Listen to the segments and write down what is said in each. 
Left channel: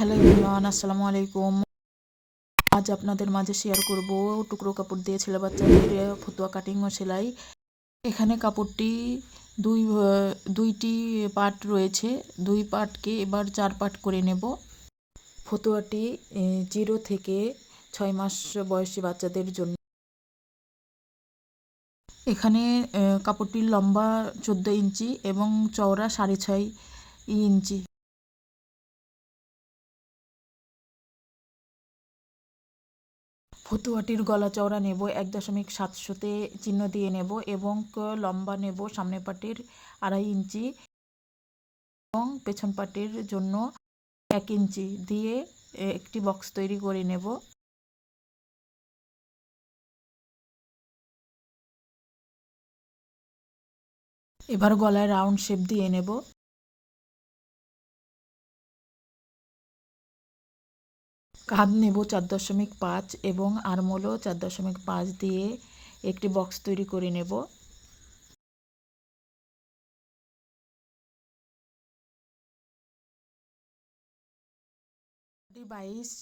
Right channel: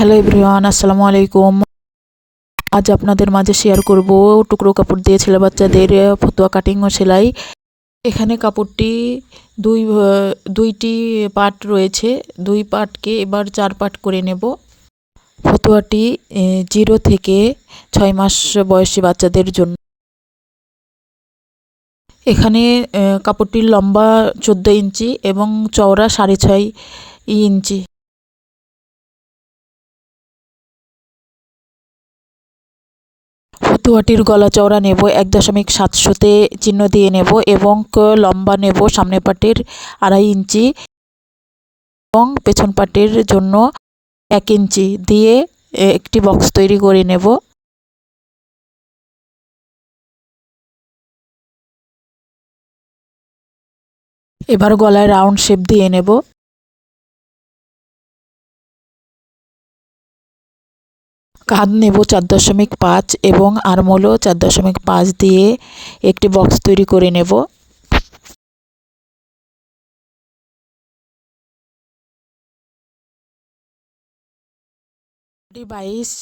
Hello everyone আসসালামু আলাইকুম। আজ আপনাদের মাঝে শেয়ার করব টুকরো কাপড় দিয়ে ছেলে বাচ্চাদের ফতুয়া কাটিং ও সেলাই। এখানে কাপড়টি দুই, দুইটি পার্ট রয়েছে। দুই পার্টকে এবার চার পার্ট করে নেব। ফতুয়াটি জিরো থেকে ছয় মাস বয়সী বাচ্চাদের জন্য। এখানে কাপড়টির লম্বা চোদ্দ ইঞ্চি এবং চওড়া সাড়ে ছয় ইঞ্চি। ফতুয়াটির গলা চওড়া নেব, এক দশমিক সাতশোতে চিহ্ন দিয়ে নেব এবং লম্বা নেব সামনে পাটের আড়াই ইঞ্চি এবং পেছন পাটের জন্য এক ইঞ্চি দিয়ে একটি বক্স তৈরি করে নেব। এবার গলায় রাউন্ড শেপ দিয়ে নেব। কাঁধ নেব চার দশমিক পাঁচ এবং আরমোলও চার দশমিক পাঁচ দিয়ে একটি বক্স তৈরি করে নেব। বাইশ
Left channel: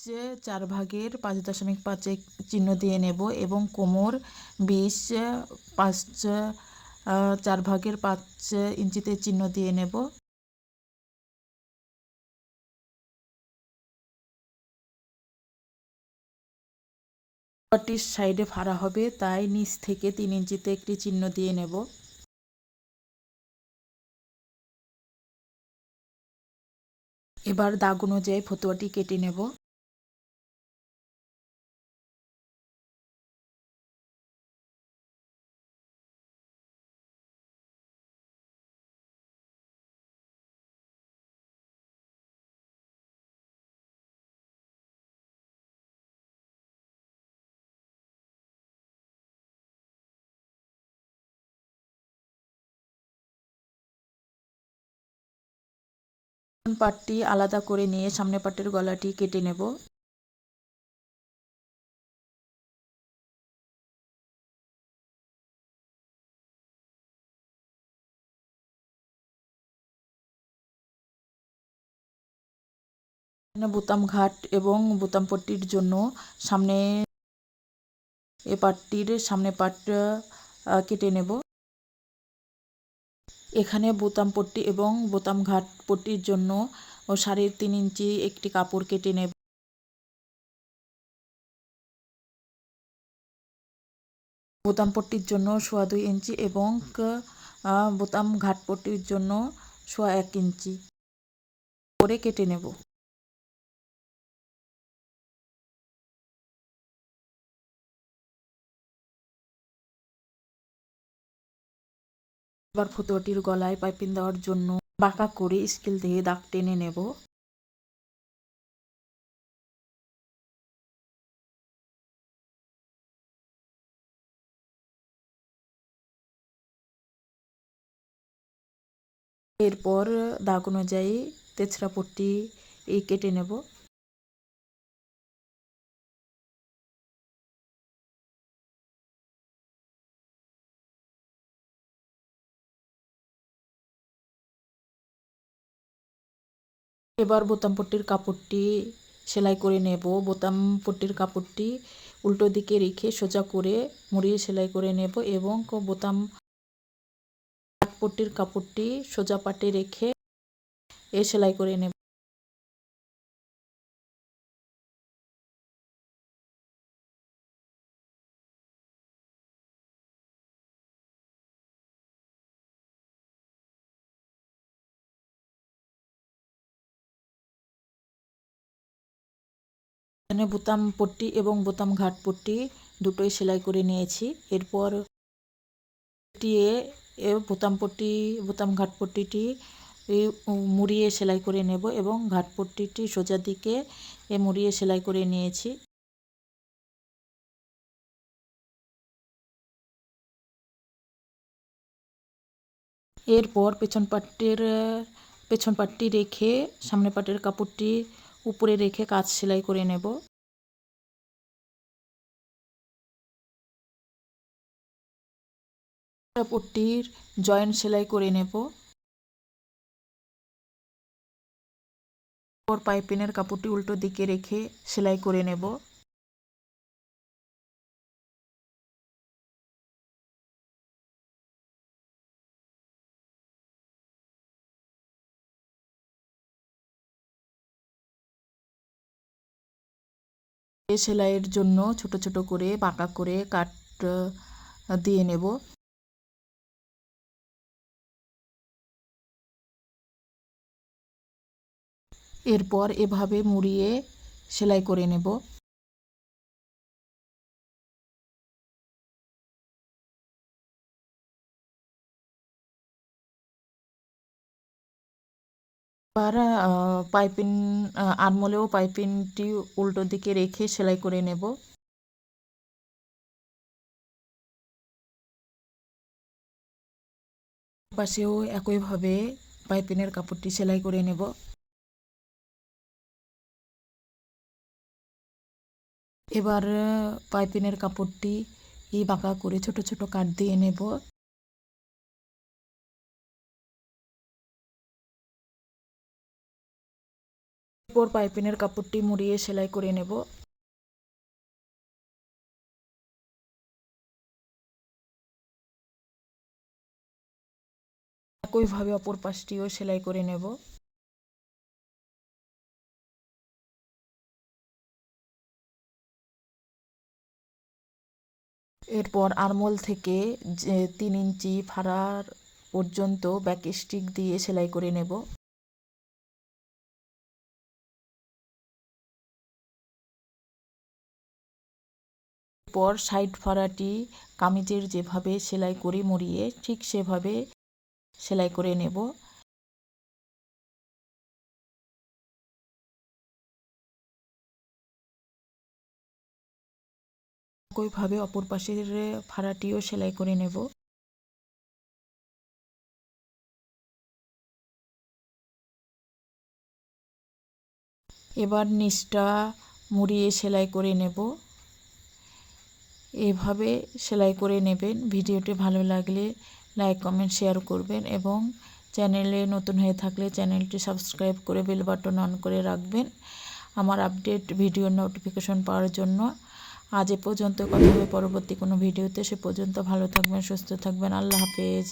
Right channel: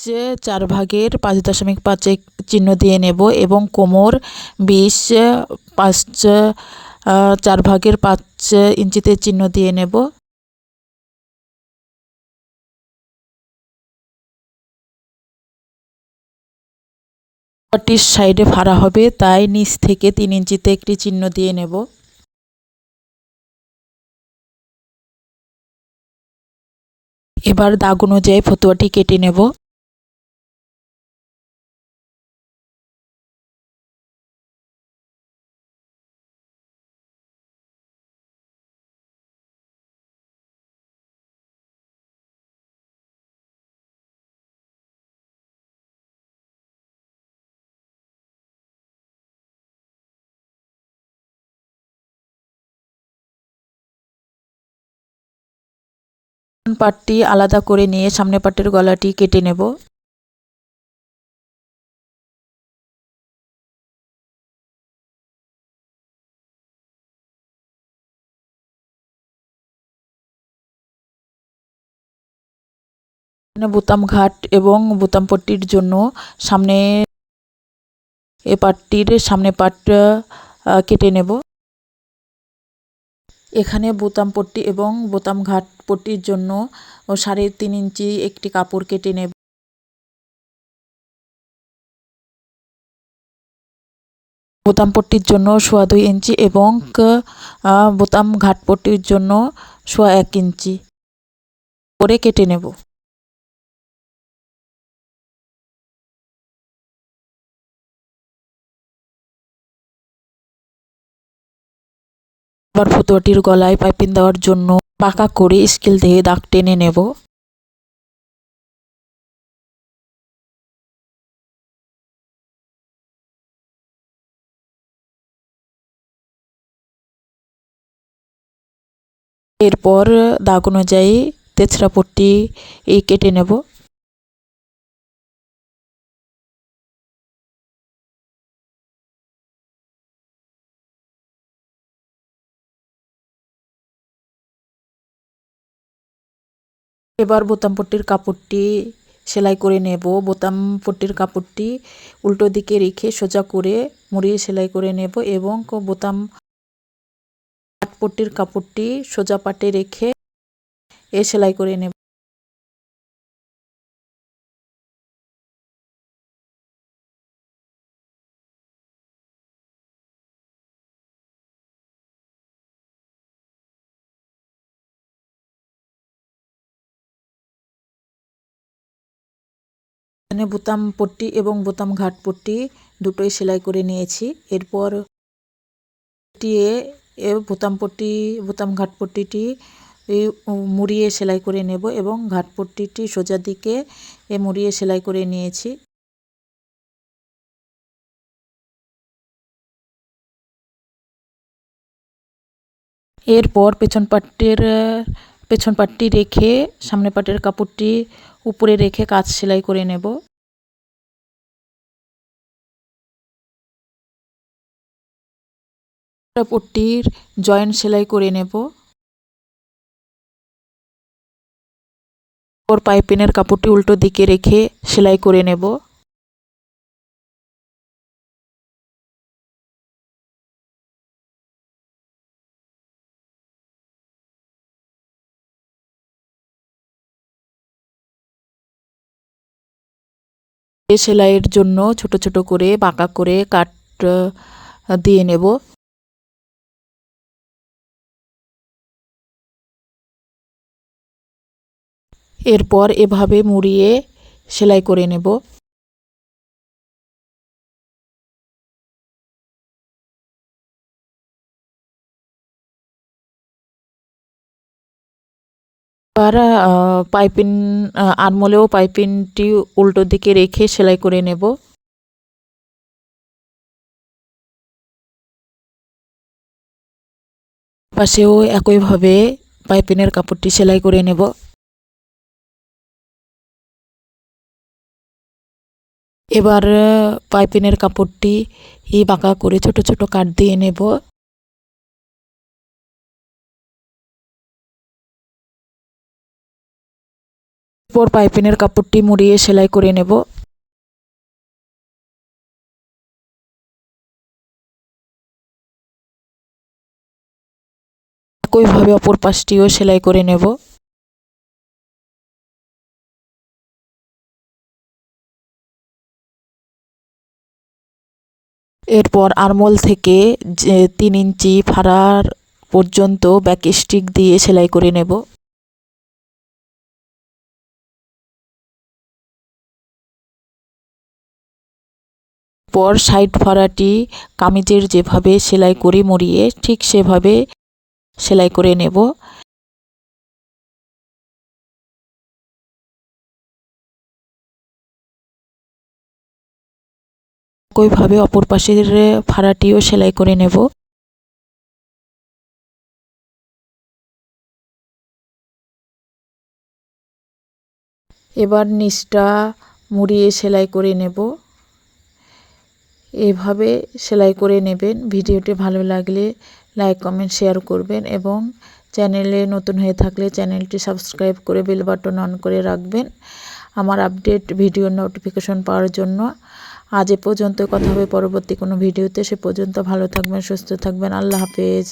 চার ভাগের পাঁচ দশমিক পাঁচে চিহ্ন দিয়ে নেব এবং কোমর বিশ পাঁচ চার ভাগের পাঁচ ইঞ্চিতে চিহ্ন দিয়ে নেব। পাটির সাইডে ফাড়া হবে, তাই নিচ থেকে তিন ইঞ্চিতে একটি চিহ্ন দিয়ে নেব। এবার দাগ অনুযায়ী ফতুয়াটি কেটে নেব। পাটটি আলাদা করে নিয়ে সামনে পাটের গলাটি কেটে নেব। বোতাম ঘাট এবং বোতাম পট্টির জন্য সামনে এ পাটটির সামনে পাট কেটে নেব। এখানে বোতাম পট্টি এবং বোতাম ঘাট পট্টির জন্য সাড়ে তিন ইঞ্চি একটি কাপড় কেটে নেব। বোতাম পট্টির জন্য সোয়া দুই ইঞ্চি এবং বোতাম ঘাট পট্টির জন্য সোয়া এক ইঞ্চি। করে কেটে নেব। এবার ফতুয়াটির গলায় পাইপিং দেওয়ার জন্য বাঁকা করে স্কেল দিয়ে দাগ টেনে নেব। এরপর দাগ অনুযায়ী তেছড়া পট্টি কেটে নেব। এবার বোতাম পট্টির কাপড়টি সেলাই করে নেব। বোতাম পট্টির কাপড়টি উল্টো দিকে রেখে সোজা করে মুড়িয়ে সেলাই করে নেব এবং বোতাম পাট পট্টির কাপড়টি সোজা পাটে রেখে এ সেলাই করে নেব। এখানে বোতাম পট্টি এবং বোতাম ঘাট পট্টি দুটোই সেলাই করে নিয়েছি। এরপর এ বোতাম পট্টি, বোতাম ঘাট পট্টিটি মুড়িয়ে সেলাই করে নেব এবং ঘাট পট্টিটি সোজা দিকে এ মুড়িয়ে সেলাই করে নিয়েছি। এরপর পেছন পাটের, পেছন পাটটি রেখে সামনে পাটের কাপড়টি উপরে রেখে কাজ সেলাই করে নেব। পট্টির জয়েন্ট সেলাই করে নেব। ওর পাইপিনের কাপড়টি উল্টো দিকে রেখে সেলাই করে নেব। সেলাইয়ের জন্য ছোট ছোট করে বাঁকা করে কাট দিয়ে নেব। এরপর এভাবে মুড়িয়ে সেলাই করে নেব। এবার পাইপিন আহ, আরমোলেও পাইপিনটি উল্টো দিকে রেখে সেলাই করে নেব। পাশেও একইভাবে পাইপিনের কাপড়টি সেলাই করে নেব। এবার পাইপিনের কাপড়টি বাঁকা করে ছোট ছোট কাট দিয়ে নেব। এরপর পাইপিনের কাপড়টি মুড়িয়ে সেলাই করে নেব। একইভাবে অপর পাশটিও সেলাই করে নেব। এরপর আরমোল থেকে তিন ইঞ্চি ফাড়ার পর্যন্ত ব্যাক স্টিক দিয়ে সেলাই করে নেব। পর সাইড ফাড়াটি কামিজের যেভাবে সেলাই করে মুড়িয়ে ঠিক সেভাবে সেলাই করে নেব। একইভাবে অপর পাশের ফাড়াটিও সেলাই করে নেব। এবার নিচটা মুড়িয়ে সেলাই করে নেব। এভাবে সেলাই করে নেবেন। ভিডিওটি ভালো লাগলে লাইক, কমেন্ট, শেয়ার করবেন এবং চ্যানেলে নতুন হয়ে থাকলে চ্যানেলটি সাবস্ক্রাইব করে বেল বাটন অন করে রাখবেন। আমার আপডেট ভিডিও নোটিফিকেশন পাওয়ার জন্য আজ এ পর্যন্ত। কথা হবে পরবর্তী কোনো ভিডিওতে। সে পর্যন্ত ভালো থাকবেন, সুস্থ থাকবেন। আল্লাহ হাফেজ।